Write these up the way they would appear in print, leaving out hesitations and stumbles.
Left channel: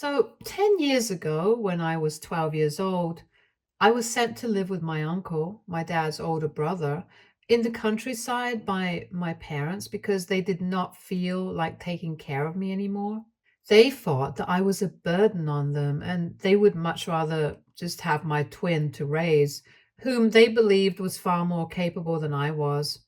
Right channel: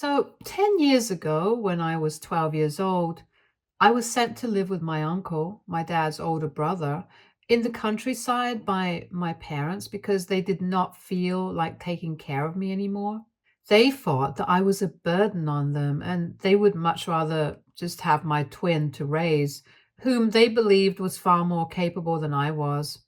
So, 10 years ago, when I was 12 years old, I was sent to live with my uncle, my dad's older brother, in the countryside by my parents because they did not feel like taking care of me anymore. They thought that I was a burden on them and they would much rather just have my twin to raise, whom they believed was far more capable than I was.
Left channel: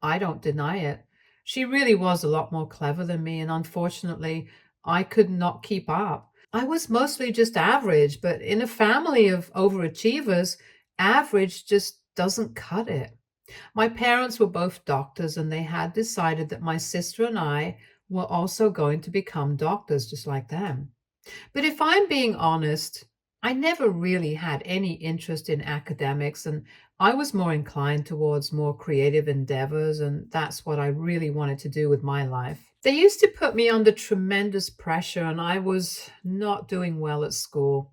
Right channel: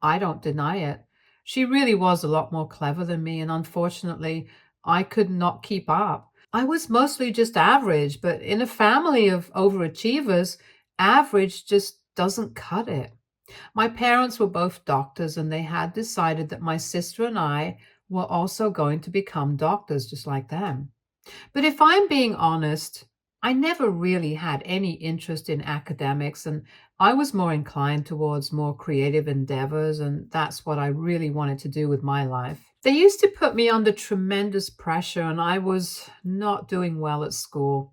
I don't deny it. She really was a lot more clever than me, and unfortunately, I could not keep up. I was mostly just average, but in a family of overachievers, average just doesn't cut it. My parents were both doctors, and they had decided that my sister and I were also going to become doctors just like them. But if I'm being honest, I never really had any interest in academics, and I was more inclined towards more creative endeavors, and that's what I really wanted to do with my life. They used to put me under tremendous pressure, and I was not doing well at school.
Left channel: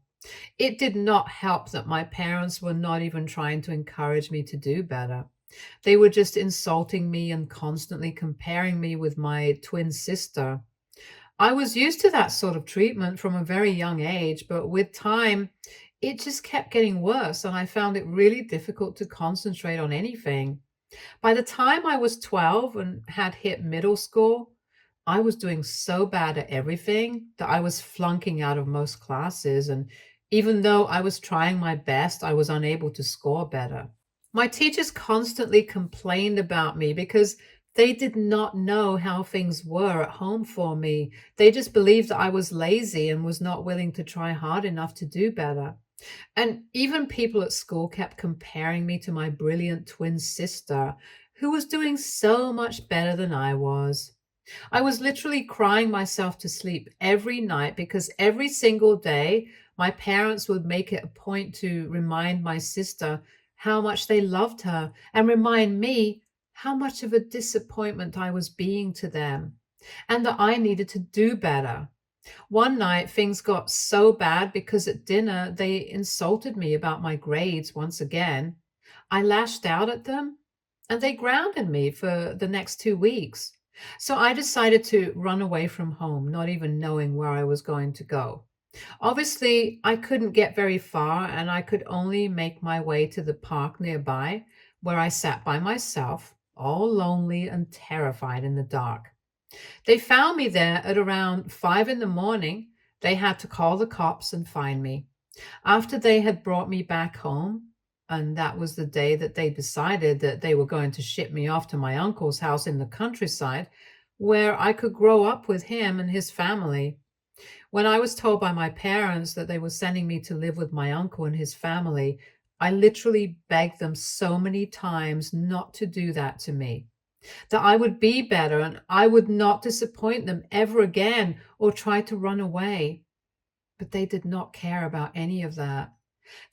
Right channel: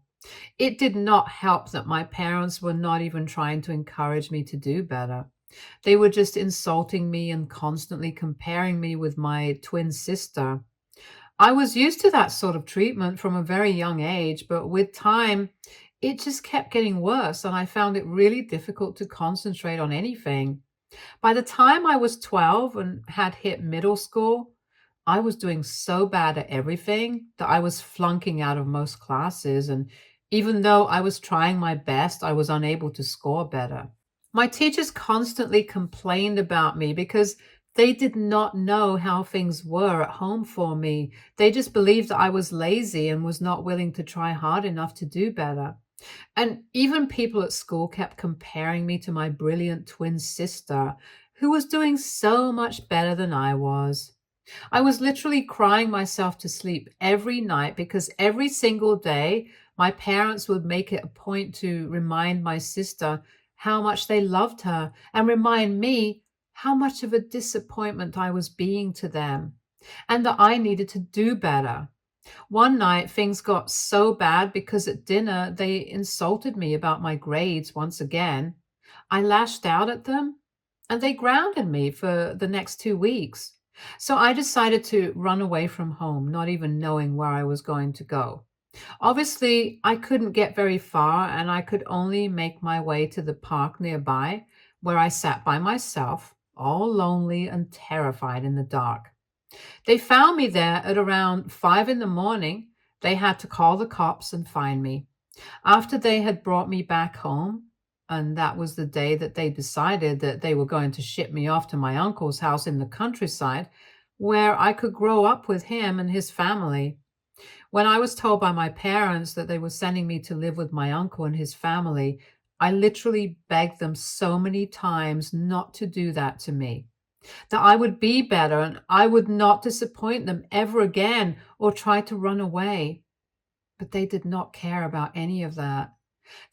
It did not help that my parents were not even trying to encourage me to do better. They were just insulting me and constantly comparing me with my twin sister. I was used to that sort of treatment from a very young age, but with time, it just kept getting worse, and I found it really difficult to concentrate on anything. By the time I was 12 and had hit middle school, I was doing so bad at everything that I was flunking out of most classes. And even though I was trying my best, I was unable to score better. My teachers constantly complained about me because they did not know how things were at home for me. They just believed that I was lazy and was not willing to try hard enough to do better. And even people at school kept comparing me to my brilliant twin sister, who was doing so much better than I was. I was literally crying myself to sleep every night because every single day my parents would make it a point to remind my sister how much they loved her and remind me how much of a disappointment I was being to them and that I needed to do better. One night, things got so bad because at dinner they insulted me about my grades once again. I lashed out at them and they grounded me for the next 2 weeks. So I decided to run away from home, not even knowing where I was going to go. Obviously, I couldn't get very far and I could only make my way to the park nearby, where I sat by myself, all lonely and terrified in the dark. They found me there at around 5 in the morning. They had to call the cops and find me. After they had brought me back home, and that was the day that they decided that they were going to ship me off to my uncle's house in the countryside, where I could grow up with him and his family. When I was told by my parents that they were sending me to live with my uncle and his family, I literally begged them so many times not to do that to me, that I would be better and I would not disappoint them ever again or try to run away. But they did not care about any of that.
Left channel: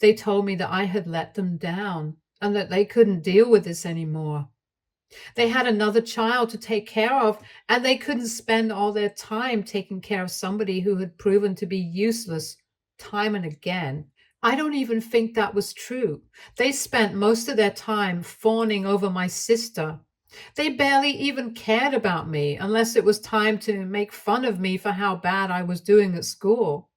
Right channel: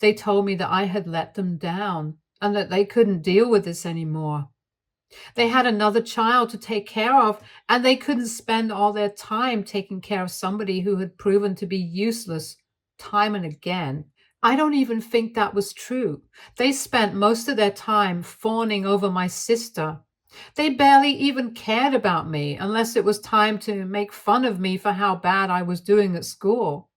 They told me that I had let them down and that they couldn't deal with this anymore. They had another child to take care of, and they couldn't spend all their time taking care of somebody who had proven to be useless time and again. I don't even think that was true. They spent most of their time fawning over my sister. They barely even cared about me unless it was time to make fun of me for how bad I was doing at school.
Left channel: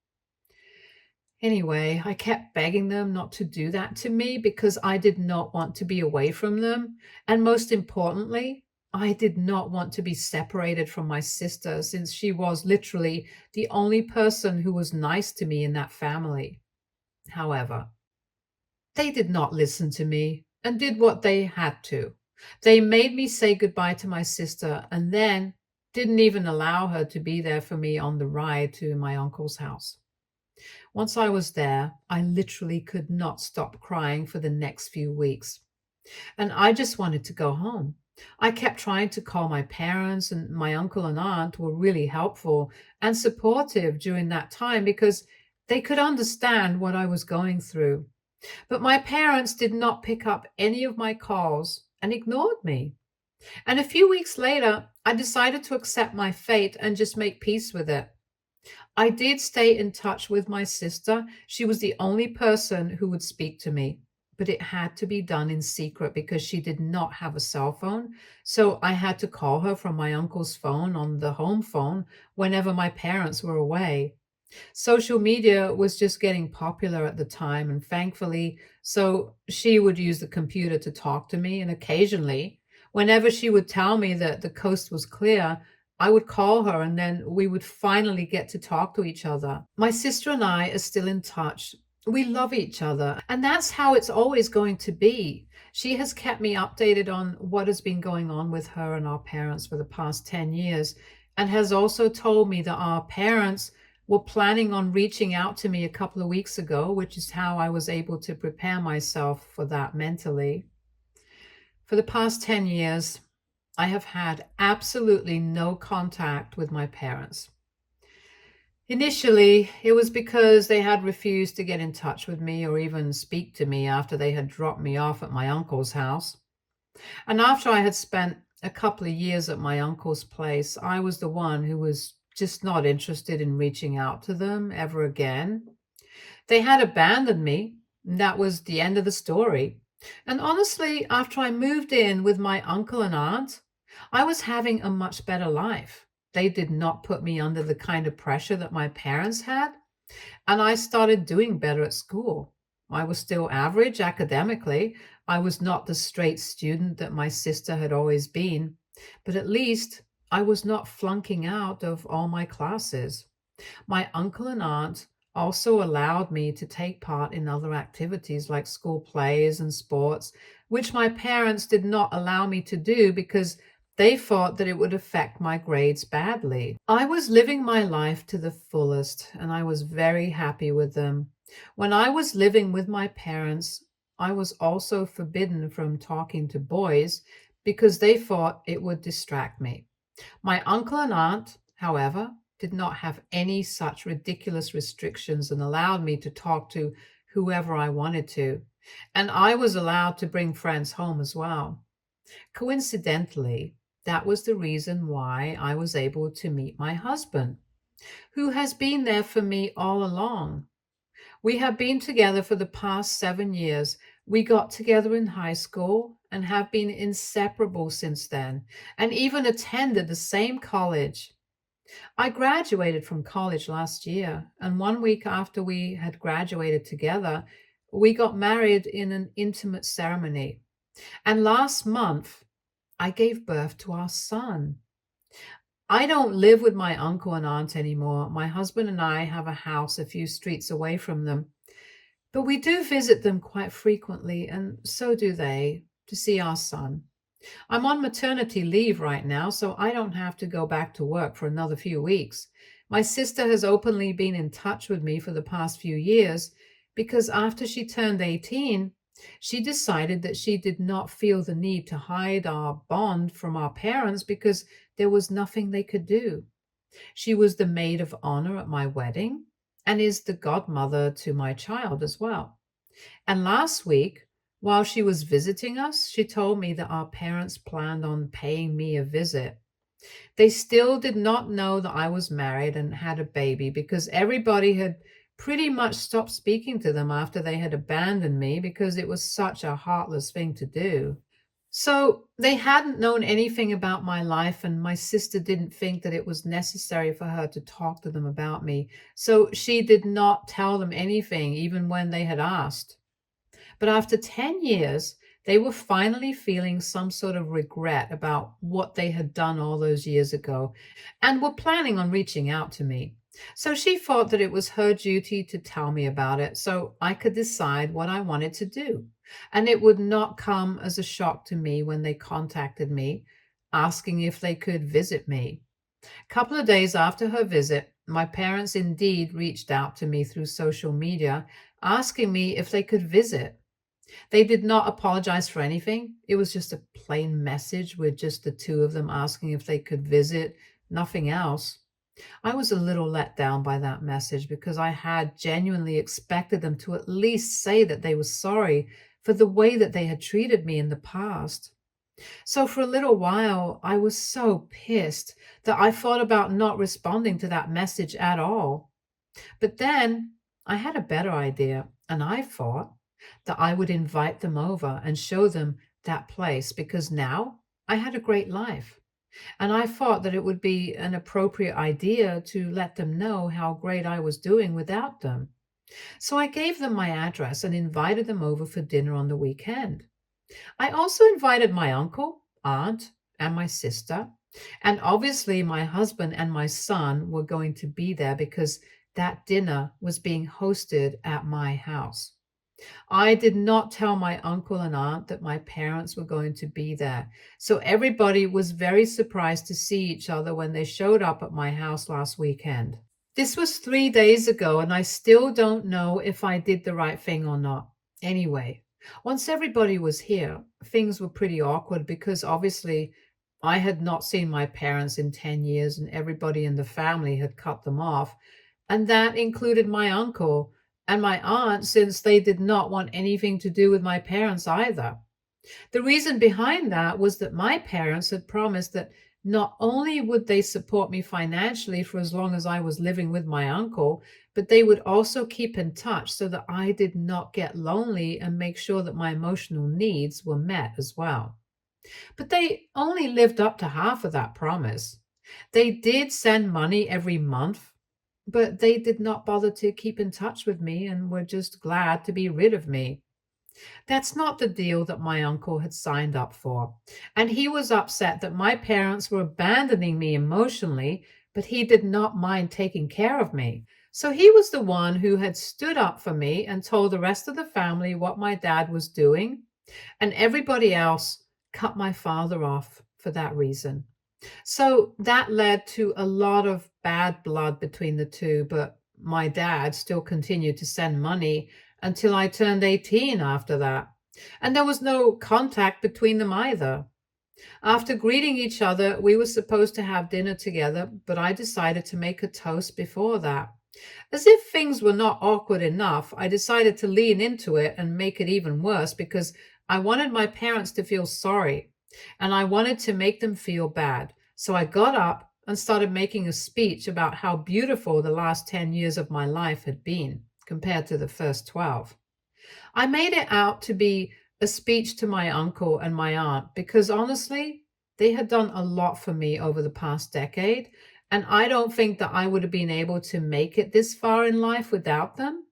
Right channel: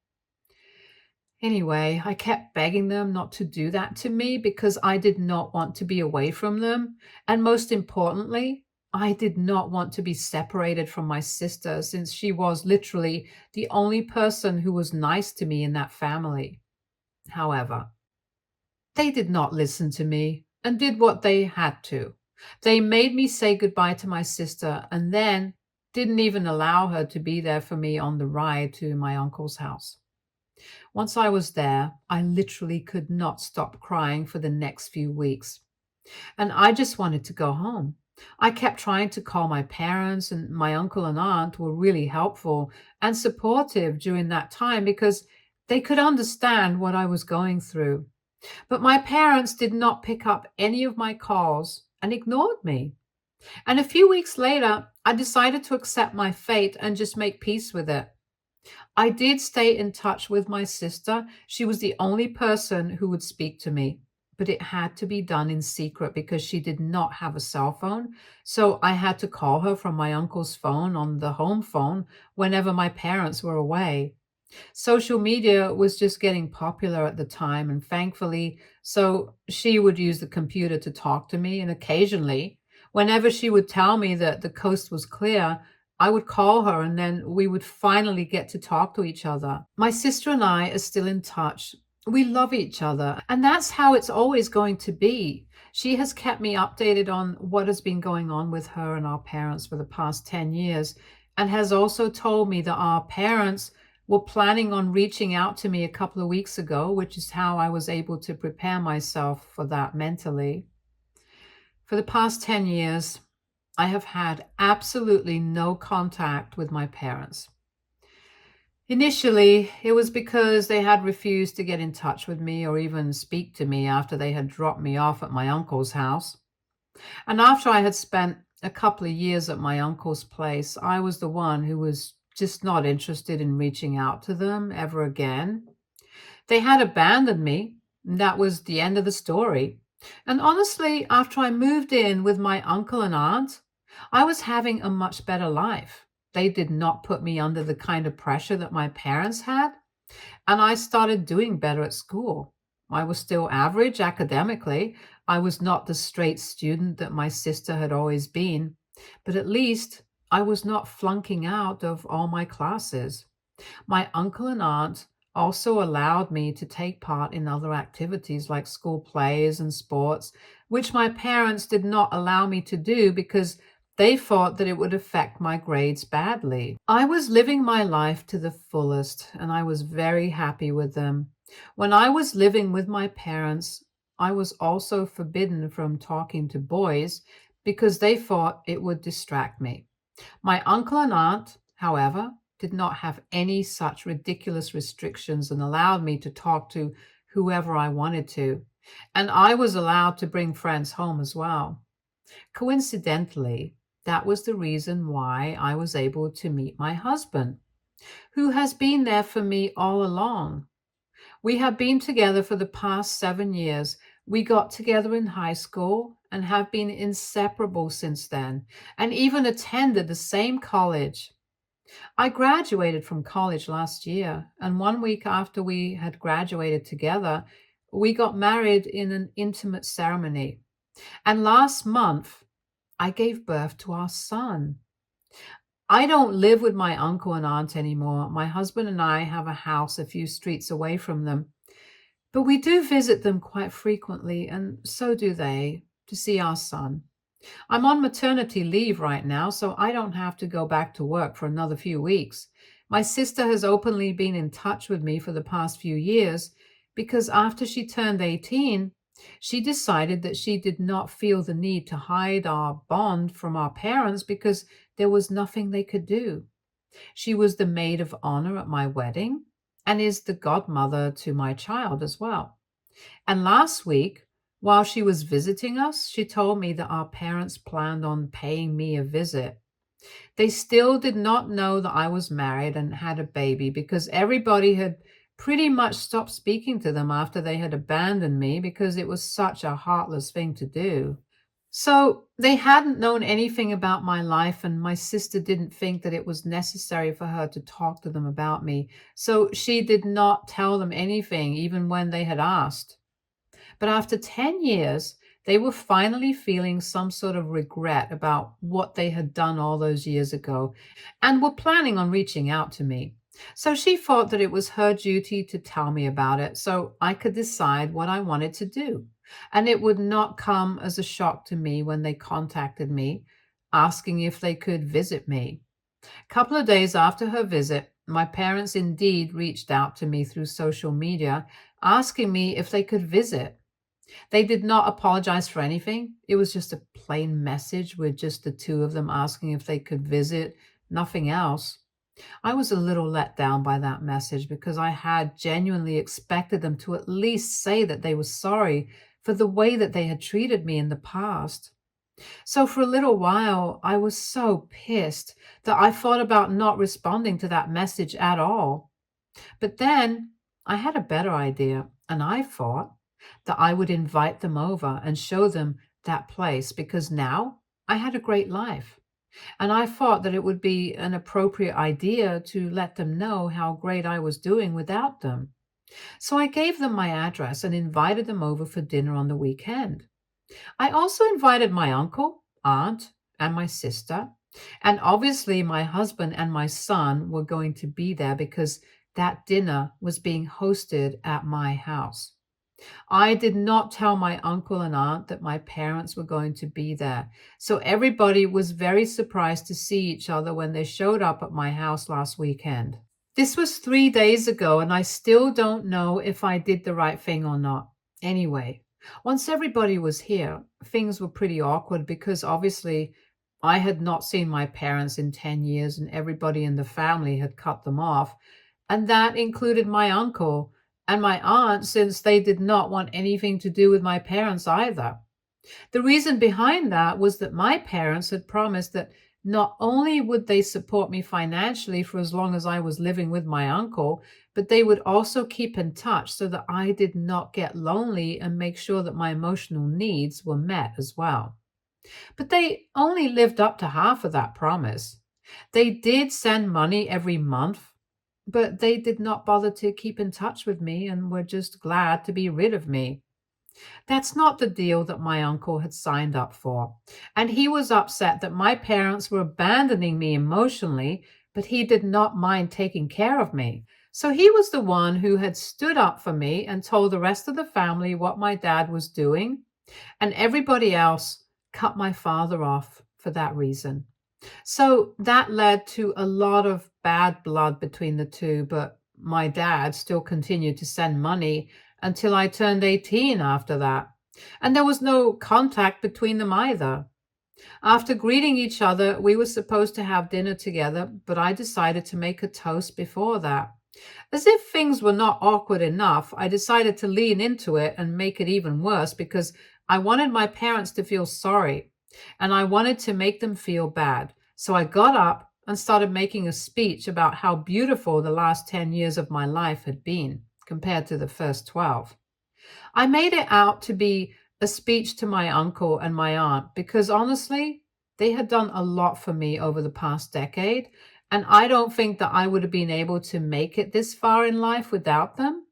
Anyway, I kept begging them not to do that to me because I did not want to be away from them. And most importantly, I did not want to be separated from my sister since she was literally the only person who was nice to me in that family. However, they did not listen to me and did what they had to. They made me say goodbye to my sister and then didn't even allow her to be there for me on the ride to my uncle's house. Once I was there, I literally could not stop crying for the next few weeks. And I just wanted to go home. I kept trying to call my parents, and my uncle and aunt were really helpful and supportive during that time because they could understand what I was going through. But my parents did not pick up any of my calls and ignored me. And a few weeks later, I decided to accept my fate and just make peace with it. I did stay in touch with my sister. She was the only person who would speak to me, but it had to be done in secret because she did not have a cell phone. So I had to call her from my uncle's phone on the home phone whenever my parents were away. Social media was just getting popular at the time, and thankfully, so she would use the computer to talk to me. And occasionally, whenever she would tell me that the coast was clear, I would call her and then we would finally get to talk to each other. My sister and I are still in touch. We love each other, and that's how it's always going to be. She has kept me updated on what has been going on with her and our parents for the past 10 years, and has also told me that our parents were planning on reaching out to me a couple of weeks ago, which is how I was able to prepare myself for that mentally. For the past 10 years, I have had absolutely no contact with my parents. Initially, it was because they had refused to get in touch with me or even speak to me after they had dropped me off at my uncle's house. And after I had spent a couple of years at my uncle's place, I was the one who was just not interested in reaching out to them ever again. They had abandoned me, and that was the end of the story. And honestly, after I moved in with my uncle and aunt, I was having a much better life. They did not put me under the kind of pressure that my parents had, and I started doing better at school. I was still average academically. I was not the straight student that my sister had always been, but at least I was not flunking out of all my classes. My uncle and aunt also allowed me to take part in other activities like school plays and sports, which my parents did not allow me to do because they thought that it would affect my grades badly. I was living my life to the fullest and I was very happy with them. When I was living with my parents, I was also forbidden from talking to boys because they thought it would distract me. My uncle and aunt, however, did not have any such ridiculous restrictions and allowed me to talk to whoever I wanted to. And I was allowed to bring friends home as well. Coincidentally, that was the reason why I was able to meet my husband, who has been there for me all along. We have been together for the past 7 years. We got together in high school and have been inseparable since then, and even attended the same college. I graduated from college last year, and 1 week after we had graduated together, we got married in an intimate ceremony. And last month, I gave birth to our son. I don't live with my uncle and aunt anymore. My husband and I have a house a few streets away from them, but we do visit them quite frequently, and so do they, to see our son. I'm on maternity leave right now, so I don't have to go back to work for another few weeks. My sister has openly been in touch with me for the past few years because after she turned 18, she decided that she did not feel the need to hide our bond from our parents because there was nothing they could do. She was the maid of honor at my wedding and is the godmother to my child as well. And last week, while she was visiting us, she told me that our parents planned on paying me a visit. They still did not know that I was married and had a baby because everybody had pretty much stopped speaking to them after they had abandoned me because it was such a heartless thing to do. So they hadn't known anything about my life, and my sister didn't think that it was necessary for her to talk to them about me. So she did not tell them anything, even when they had asked. But after 10 years, they were finally feeling some sort of regret about what they had done all those years ago and were planning on reaching out to me. So she thought that it was her duty to tell me about it so I could decide what I wanted to do. And it would not come as a shock to me when they contacted me asking if they could visit me. A couple of days after her visit, my parents indeed reached out to me through social media asking me if they could visit. They did not apologize for anything. It was just a plain message with just the two of them asking if they could visit, nothing else. I was a little let down by that message because I had genuinely expected them to at least say that they were sorry for the way that they had treated me in the past. So for a little while, I was so pissed that I thought about not responding to that message at all. But then I had a better idea, and I thought that I would invite them over and show them that place because now I had a great life. And I thought that it would be an appropriate idea to let them know how great I was doing without them. So I gave them my address and invited them over for dinner on the weekend. I also invited my uncle, aunt, and my sister. And obviously, my husband and my son were going to be there because that dinner was being hosted at my house. I did not tell my uncle and aunt that my parents were going to be there. So everybody was very surprised to see each other when they showed up at my house last weekend. This was 3 days ago, and I still don't know if I did the right thing or not. Anyway, once everybody was here, things were pretty awkward because obviously I had not seen my parents in 10 years and everybody in the family had cut them off. And that included my uncle and my aunt, since they did not want anything to do with my parents either. The reason behind that was that my parents had promised that not only would they support me financially for as long as I was living with my uncle, but they would also keep in touch so that I did not get lonely and make sure that my emotional needs were met as well. But they only lived up to half of that promise. They did send money every month, but they did not bother to keep in touch with me and were just glad to be rid of me. That's not the deal that my uncle had signed up for. And he was upset that my parents were abandoning me emotionally, but he did not mind taking care of me. So he was the one who had stood up for me and told the rest of the family what my dad was doing, and everybody else cut my father off for that reason. So that led to a lot of bad blood between the two, but my dad still continued to send money until I turned 18 after that. And there was no contact between them either. After greeting each other, we were supposed to have dinner together, but I decided to make a toast before that. As if things were not awkward enough, I decided to lean into it and make it even worse because I wanted my parents to feel sorry and I wanted to make them feel bad. So I got up and started making a speech about how beautiful the last 10 years of my life had been compared to the first 12. I made it out to be a speech to my uncle and my aunt because honestly, they had done a lot for me over the past decade, and I don't think that I would have been able to make it this far in life without them.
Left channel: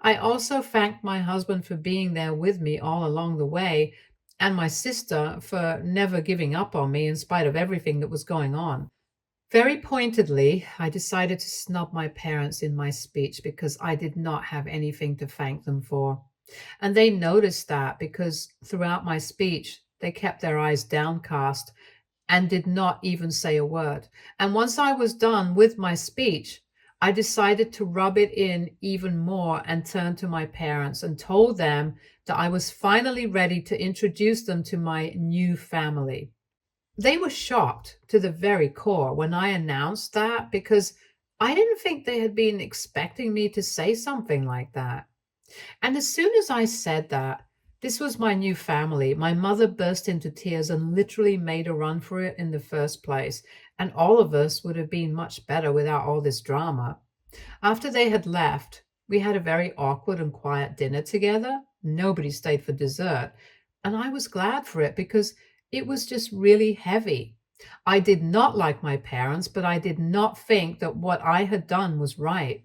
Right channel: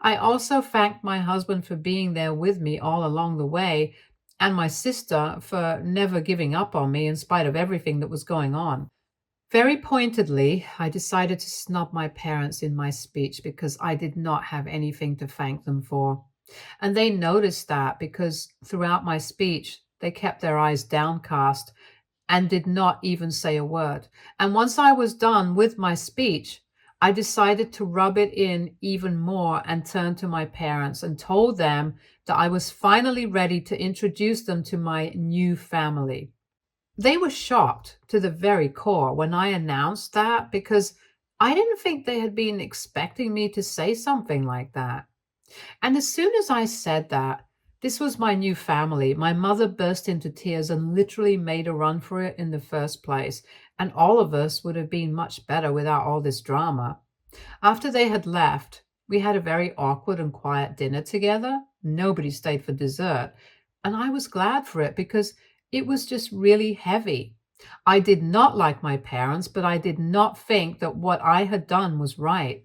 I also thanked my husband for being there with me all along the way, and my sister for never giving up on me in spite of everything that was going on. Very pointedly, I decided to snub my parents in my speech because I did not have anything to thank them for. And they noticed that because throughout my speech, they kept their eyes downcast and did not even say a word. And once I was done with my speech, I decided to rub it in even more and turned to my parents and told them that I was finally ready to introduce them to my new family. They were shocked to the very core when I announced that because I didn't think they had been expecting me to say something like that. And as soon as I said that, this was my new family, my mother burst into tears and literally made a run for it in the first place. And all of us would have been much better without all this drama. After they had left, we had a very awkward and quiet dinner together. Nobody stayed for dessert. And I was glad for it because it was just really heavy. I did not like my parents, but I did not think that what I had done was right.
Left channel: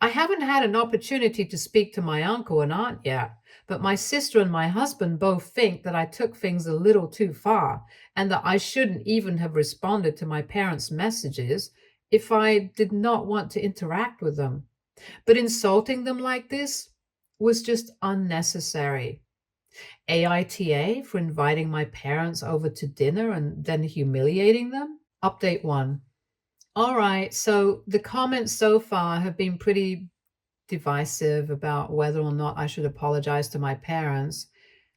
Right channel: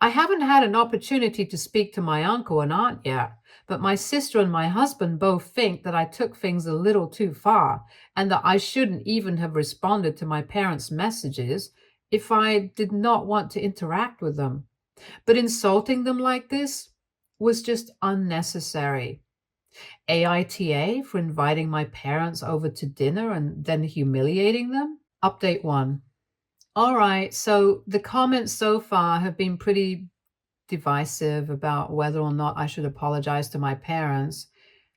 I haven't had an opportunity to speak to my uncle and aunt yet, but my sister and my husband both think that I took things a little too far and that I shouldn't even have responded to my parents' messages if I did not want to interact with them. But insulting them like this was just unnecessary. AITA for inviting my parents over to dinner and then humiliating them? Update 1. All right, so the comments so far have been pretty divisive about whether or not I should apologize to my parents,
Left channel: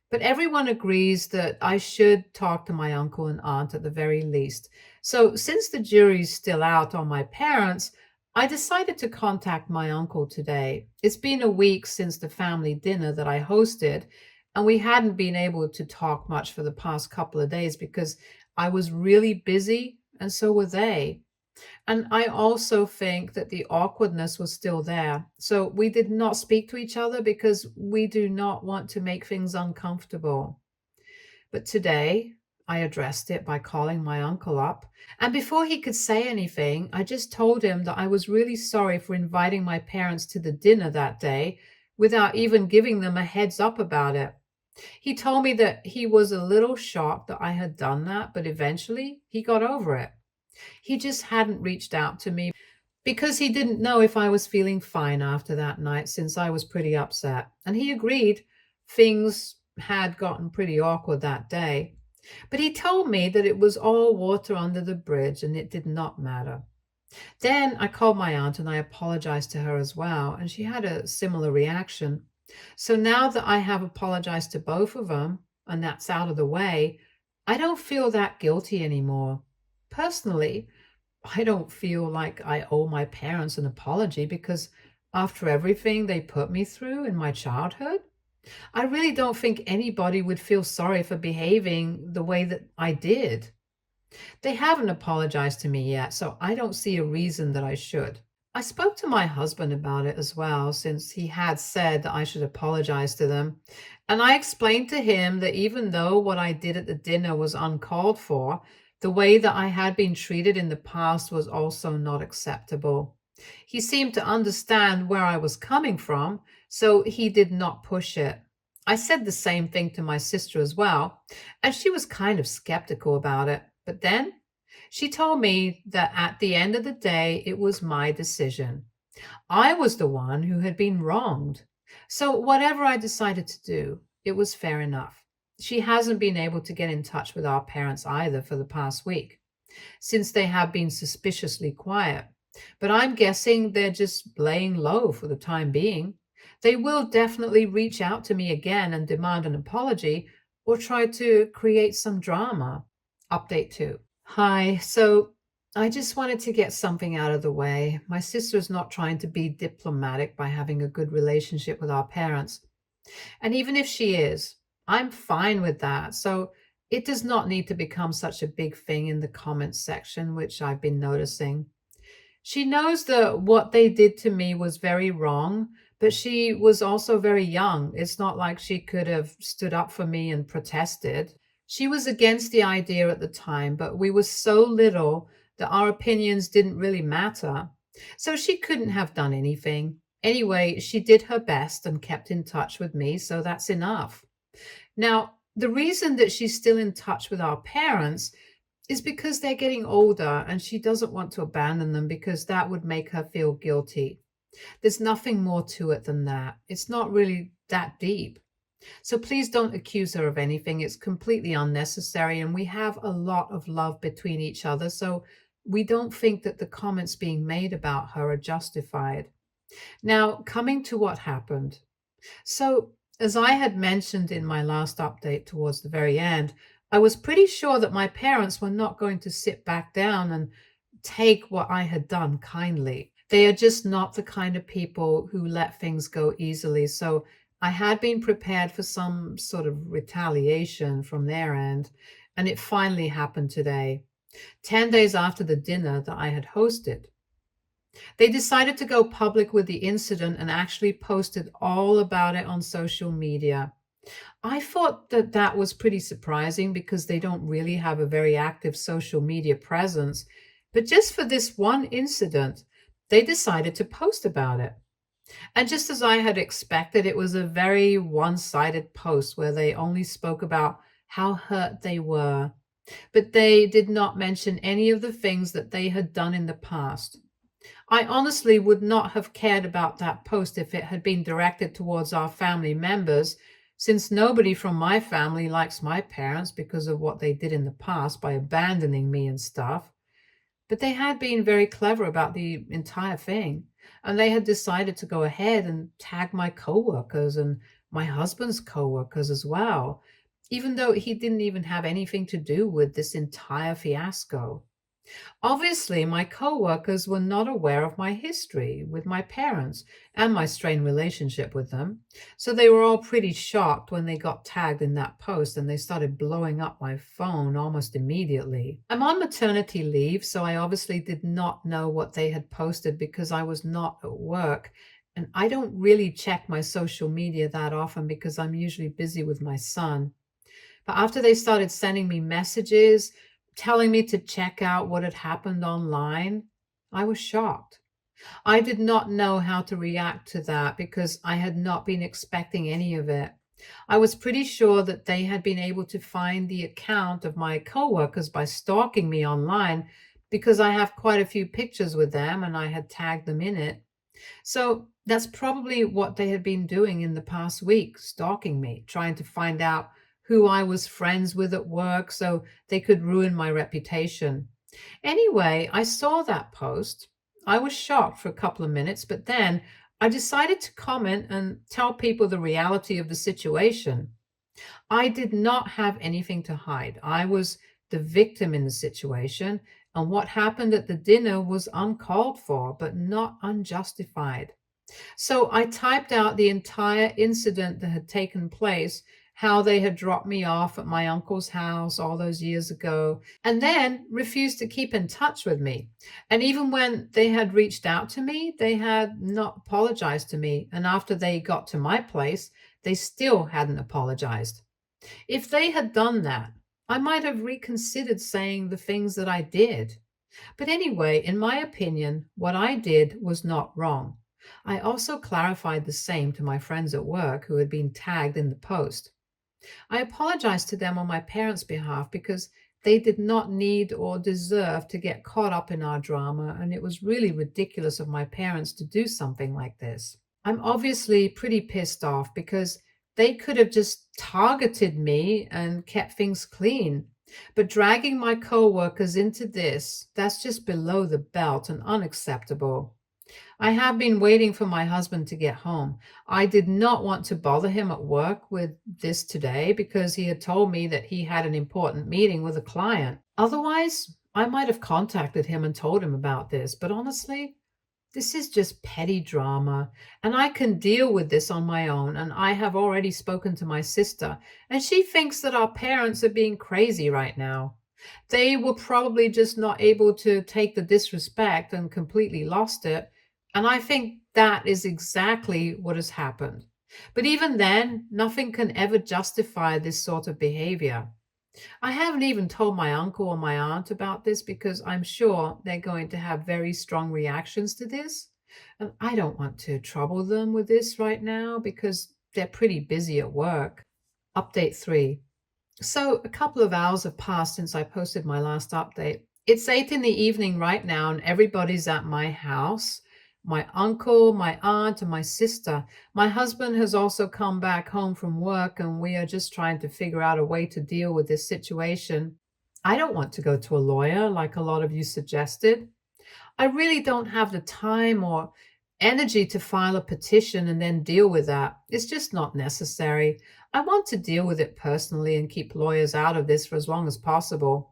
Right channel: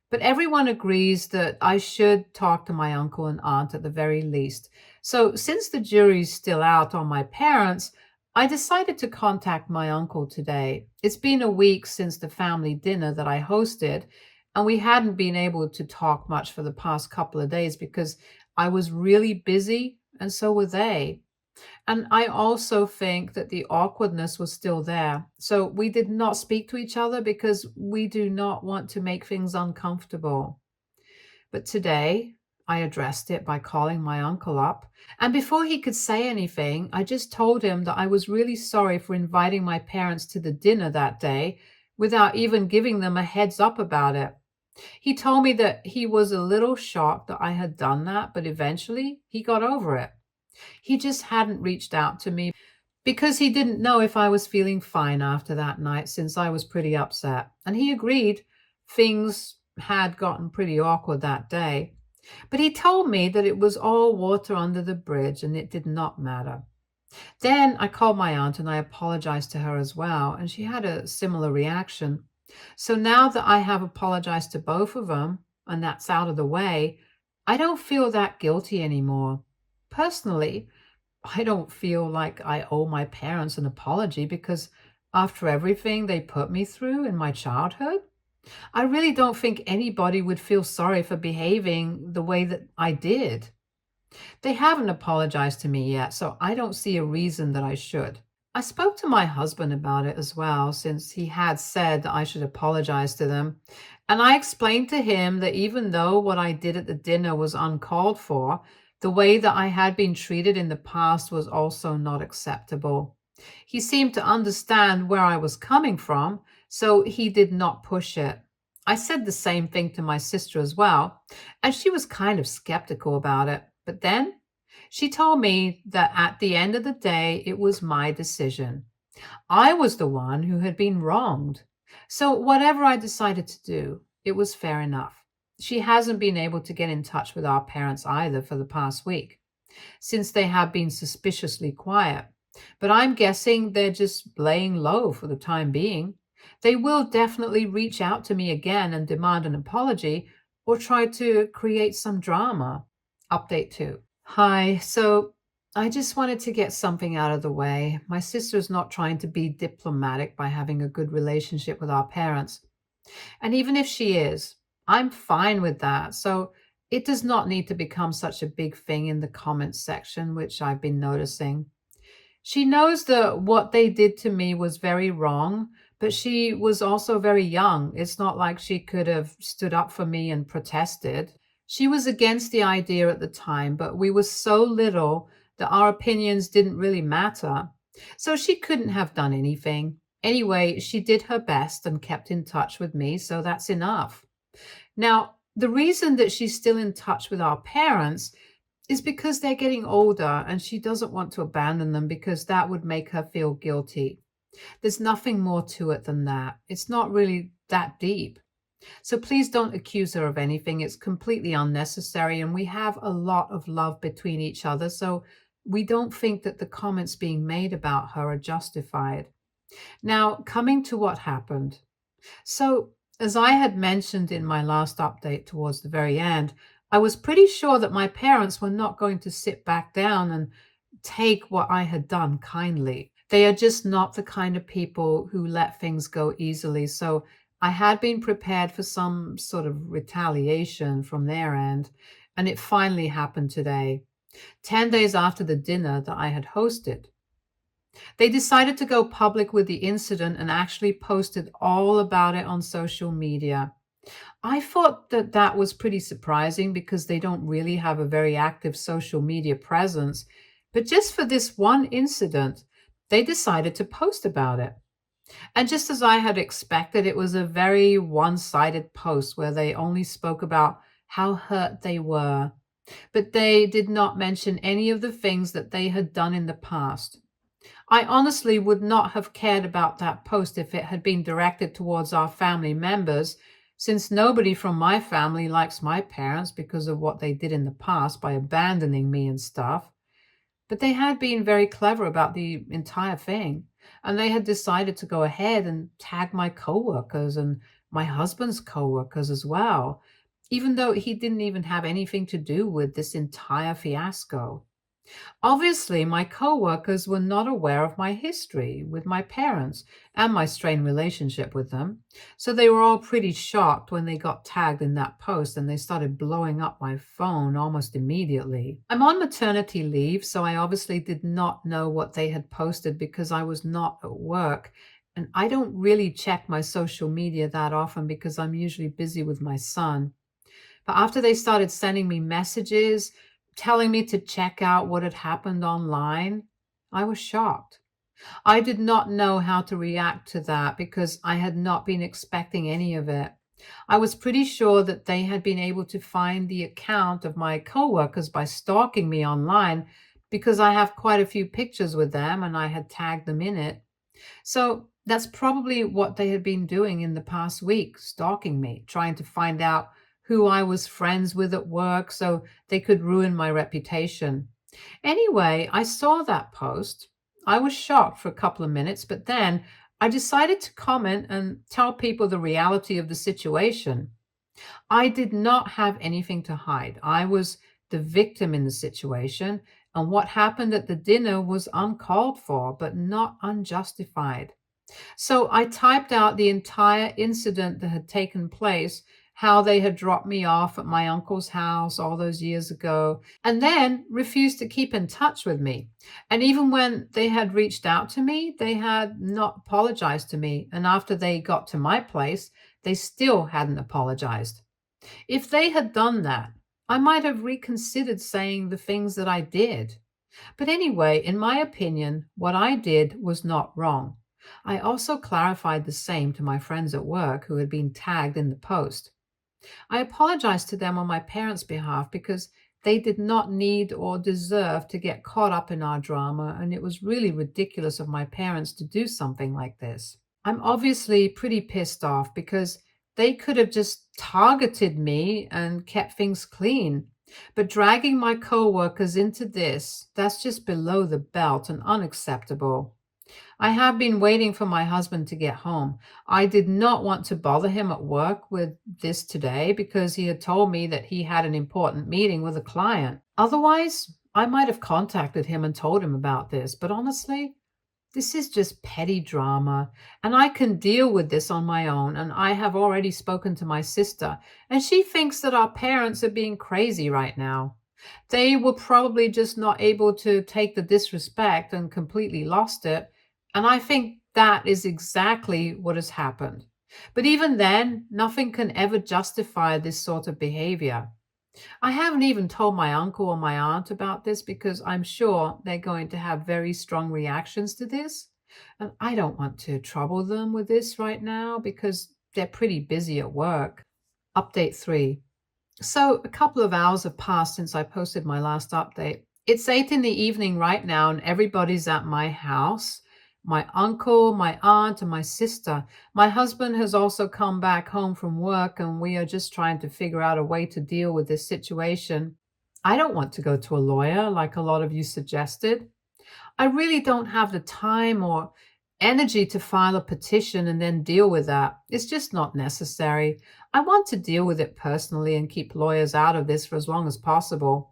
but everyone agrees that I should talk to my uncle and aunt at the very least. So, since the jury's still out on my parents, I decided to contact my uncle today. It's been a week since the family dinner that I hosted, and we hadn't been able to talk much for the past couple of days because I was really busy, and so were they. And I also think that the awkwardness was still there. So we did not speak to each other because we do not want to make things uncomfortable. But today, I addressed it by calling my uncle up. And before he could say anything, I just told him that I was really sorry for inviting my parents to the dinner that day without even giving them a heads up about it. He told me that he was a little shocked that I had done that, but eventually he got over it. He just hadn't reached out to me because he didn't know if I was feeling fine after that night since I was pretty upset. And he agreed things had gotten pretty awkward that day. But he told me that it was all water under the bridge and it did not matter. Then I called my aunt and I apologized to her as well, and she had a similar reaction. So now that I have apologized to both of them and that's out of the way, I don't feel that guilty anymore. Personally, I don't feel like I owe my parents an apology because after everything they put me through in my childhood, I really don't think anybody would feel sorry for behaving the way that I did. They haven't apologized to me yet, so I don't see a reason that I should. I spoke to my husband about it as well, since he had said that I should apologize to them. And I explained to him that even though what I did at the dinner was uncalled for, the way that I had been treated in the past was also not acceptable. He seemed to understand where I was coming from, so he did not push it. I said the same thing to my sister as well, and she was kind of skeptical about it. But then she told me that at the end of the day, it was my decision. I was the one who had been wronged. So whatever I decided to do, it was fair enough. She hasn't been able to get in touch with our parents either for the past week, since they have been suspiciously quiet. But I'm guessing they're just laying low for the time being. They will definitely reach out to me again and demand an apology or try to create some drama. Update 2. Hi, so I just wanted to get something out of the way. My sister's not trying to be diplomatic by having a good relationship with our parents. And even if she is, I'm fine with that. So it does not need to become such a big thing in the comments section, which I've been noticing. She knows that what they did to me was very wrong, but she was also very young. It's not like she could have stood up for me and protested. She was against the idea at the time, but we were so little that our opinions didn't really matter. So she couldn't have done anything. Anyway, she did her best and kept in touch with me, so that's enough. Now, the reason that she's still in touch with our parents is because they're getting older and she doesn't want to abandon them because that would make her feel guilty. There's nothing more to it than that. It's not really that deep. So please don't accuse her of anything. It's completely unnecessary, and we have a lot of love between each other. So we don't think that the comments being made about her are justified. Now, coming to what happened. So, as I had mentioned in my last update towards the very end, I was pretty sure that my parents were not going to sit back down and take what I had done kindly. They are just not the kind of people who let things go easily. So I had been prepared for some sort of retaliation from their end, and it finally happened today, 10 days after the dinner that I had hosted. They decided to go public with the incident and actually posted all about it on social media. I thought that that was pretty surprising because they don't really have a very active social media presence. But just for this one incident, they decided to post about it. And just as I had expected, it was a very one sided post where they only spoke about how hurt they were, but they did not mention any of the things that they had done in the past. I honestly would not have cared about that post if it had been directed towards our family members, since nobody from my family likes my parents because of what they did in the past by abandoning me and stuff. But they had been very clever about the entire thing, and they had decided to go ahead and tag my coworkers and my husband's coworkers as well, even though he didn't even have anything to do with this entire fiasco. Obviously, my coworkers were not aware of my history with my parents and my strained relationship with them. So they were all pretty shocked when they got tagged in that post and they started blowing up my phone almost immediately. I'm on maternity leave, so I obviously did not know what they had posted because I was not at work. And I don't really check my social media that often because I'm usually busy with my son. But after they started sending me messages, telling me to check out what had happened online, I was shocked. I did not know how to react to that because I had not been expecting any of it. I was pretty sure that they had been able to find the account of my coworkers by stalking me online because I have quite a few pictures with them and I had tagged them in it. So that's probably what they had been doing in the past week, stalking me, trying to find out who I was friends with at work so they could ruin my reputation. Anyway, I saw that post. I was shocked for a couple of minutes, but then I decided to comment and tell people the reality of the situation. I did not have anything to hide. I was the victim in the situation, and what happened at the dinner was uncalled for, but not unjustified. So I typed out the entire incident that had taken place, how they had dropped me off at my uncle's house all those years ago, and then refused to keep in touch with me. And even when they had reached out to me, they had not apologized to me. And after they got to my place, they still hadn't apologized. If they had done that, I might have reconsidered saying the things that I did. But anyway, in my opinion, what I did was not wrong. I also clarified the same to my friends at work who had been tagged in the post. I apologized to them on my parents' behalf because they did not need or deserve to get caught up in our drama, and it was really ridiculous of my parents to do something like this. I'm obviously pretty pissed off because they could have just targeted me and kept things clean. But dragging my coworkers into this, that's just below the belt and unacceptable. I have been waiting for my husband to get home. I did not want to bother him at work with this today because he had told me that he had an important meeting with a client. Otherwise, I might have contacted him and told him about this, but honestly, this is just petty drama, and I can deal with this on my own. And I have already spoken to my sister, and she thinks that our parents are being crazy right now. They were probably just not able to take the disrespect and completely lost it. And I think that is exactly what has happened. But even then, nothing can ever justify this sort of behavior. I haven't even told my uncle or my aunt about this because I'm sure they're going to have very strong reactions to this. And I don't want to trouble them with this right now because they're pretty busy at work. Update 3. So, a couple of hours have passed since I posted my last update. It's 8 in the evening right now, and everybody's at my house. My uncle, my aunt, and my sister. My husband has also come back home from work, and we are just trying to figure out a way to deal with this situation. I don't want to go to a lawyer like a lot of you suggested. I really don't have the time or energy to file a petition and then deal with that. It's just not necessary. I want to deal with it personally and keep lawyers out of this for as long as possible.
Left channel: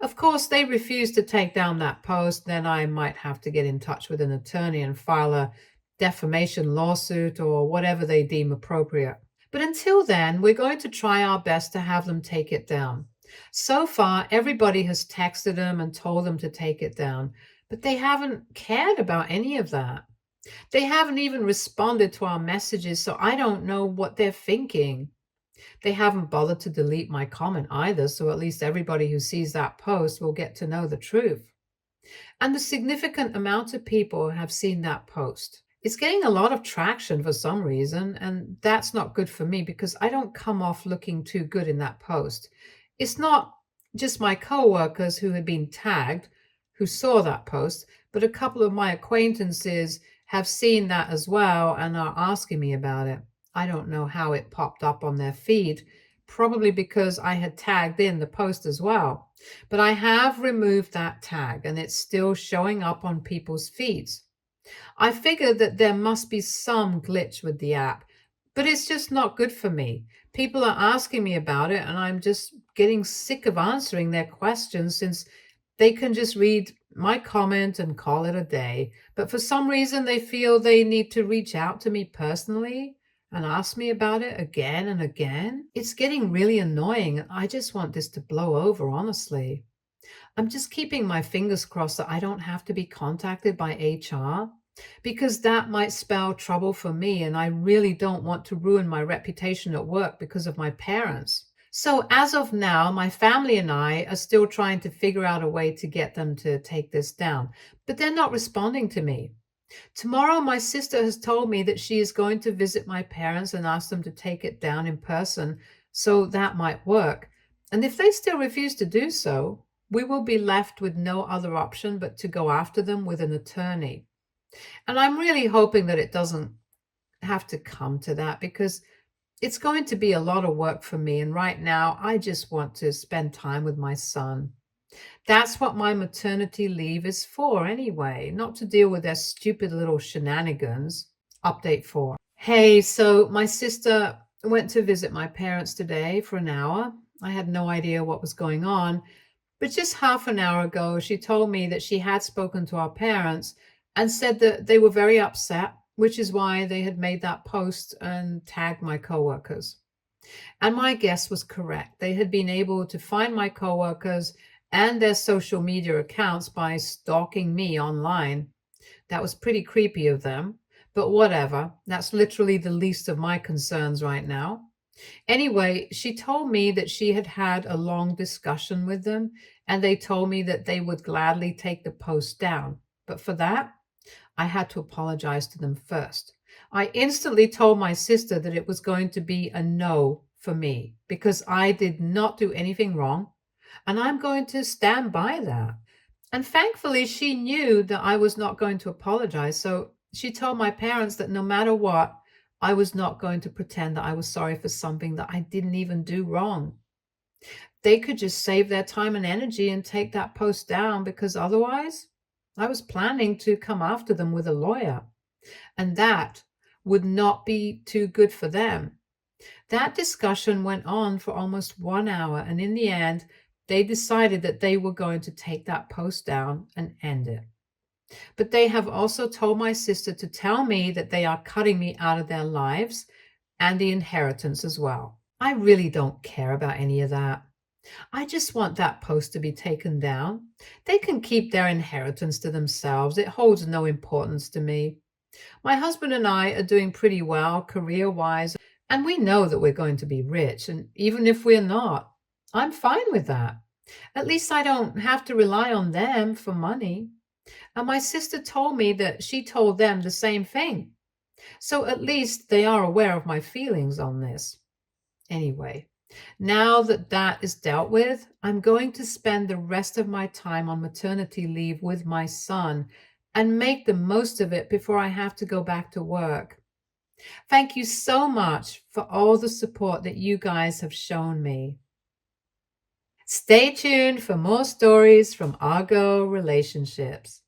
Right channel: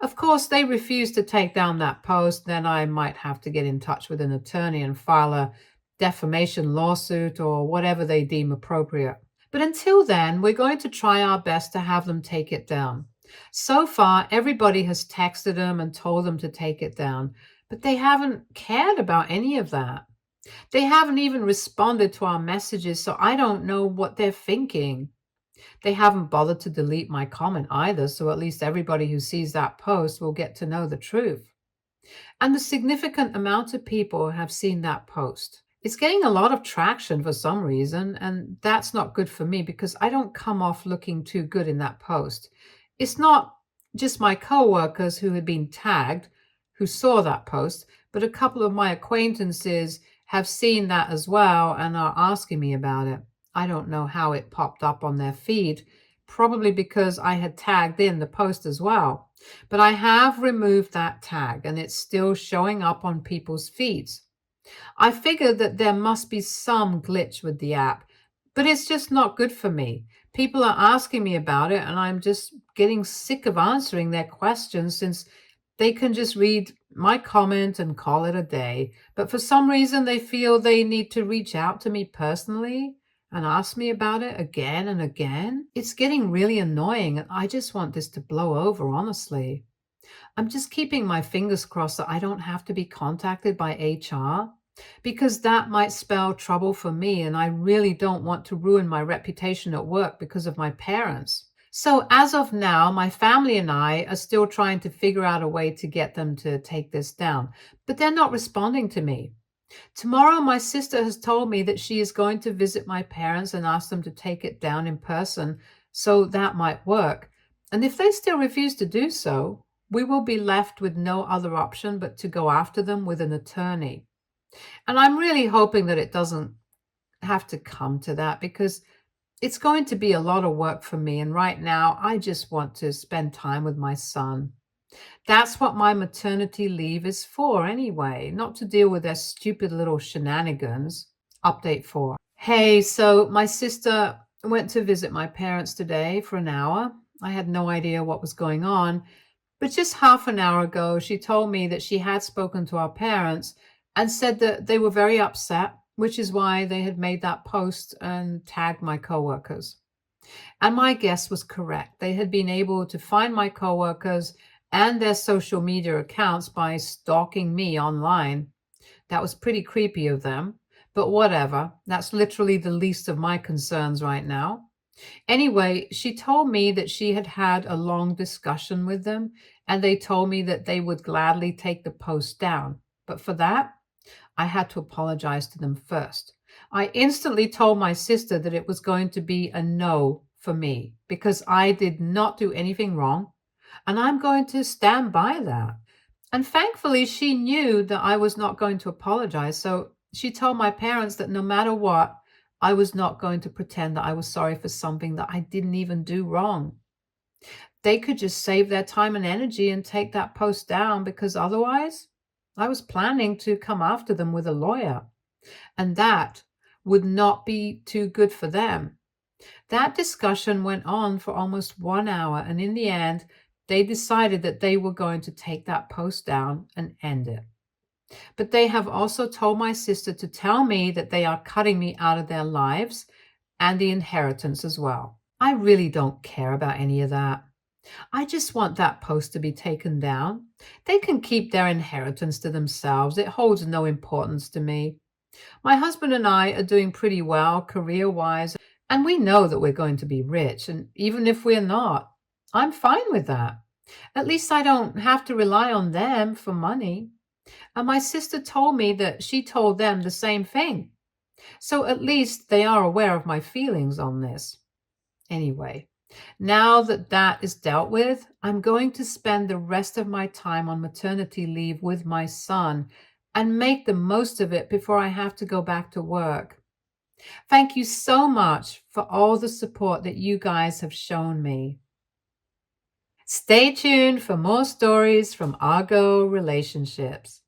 Of course, they refuse to take down that post, then I might have to get in touch with an attorney and file a defamation lawsuit or whatever they deem appropriate. But until then, we're going to try our best to have them take it down. So far, everybody has texted them and told them to take it down, but they haven't cared about any of that. They haven't even responded to our messages, so I don't know what they're thinking. They haven't bothered to delete my comment either, so at least everybody who sees that post will get to know the truth. And the significant amount of people have seen that post. It's getting a lot of traction for some reason, and that's not good for me because I don't come off looking too good in that post. It's not just my coworkers who had been tagged who saw that post, but a couple of my acquaintances have seen that as well and are asking me about it. I don't know how it popped up on their feed, probably because I had tagged in the post as well. But I have removed that tag and it's still showing up on people's feeds. I figured that there must be some glitch with the app, but it's just not good for me. People are asking me about it, and I'm just getting sick of answering their questions since they can just read my comment and call it a day. But for some reason, they feel they need to reach out to me personally and ask me about it again and again. It's getting really annoying, and I just want this to blow over, honestly. I'm just keeping my fingers crossed that I don't have to be contacted by HR because that might spell trouble for me, and I really don't want to ruin my reputation at work because of my parents. So, as of now, my family and I are still trying to figure out a way to get them to take this down, but they're not responding to me. Tomorrow, my sister has told me that she is going to visit my parents and ask them to take it down in person, so that might work. And if they still refuse to do so, we will be left with no other option but to go after them with an attorney. And I'm really hoping that it doesn't have to come to that because it's going to be a lot of work for me. And right now, I just want to spend time with my son. That's what my maternity leave is for anyway, not to deal with their stupid little shenanigans. Update 4. Hey, so my sister went to visit my parents today for an hour. I had no idea what was going on, but just half an hour ago, she told me that she had spoken to our parents and said that they were very upset, which is why they had made that post and tagged my coworkers. And my guess was correct. They had been able to find my coworkers and their social media accounts by stalking me online. That was pretty creepy of them, but whatever. That's literally the least of my concerns right now. Anyway, she told me that she had had a long discussion with them, and they told me that they would gladly take the post down. But for that, I had to apologize to them first. I instantly told my sister that it was going to be a no for me because I did not do anything wrong, and I'm going to stand by that. And thankfully, she knew that I was not going to apologize. So she told my parents that no matter what, I was not going to pretend that I was sorry for something that I didn't even do wrong. They could just save their time and energy and take that post down because otherwise, I was planning to come after them with a lawyer. And that would not be too good for them. That discussion went on for almost 1 hour, and in the end, they decided that they were going to take that post down and end it. But they have also told my sister to tell me that they are cutting me out of their lives and the inheritance as well. I really don't care about any of that. I just want that post to be taken down. They can keep their inheritance to themselves. It holds no importance to me. My husband and I are doing pretty well career-wise, and we know that we're going to be rich. And even if we're not, I'm fine with that. At least I don't have to rely on them for money. And my sister told me that she told them the same thing. So at least they are aware of my feelings on this. Anyway, now that that is dealt with, I'm going to spend the rest of my time on maternity leave with my son and make the most of it before I have to go back to work. Thank you so much for all the support that you guys have shown me. Stay tuned for more stories from Argo Relationships.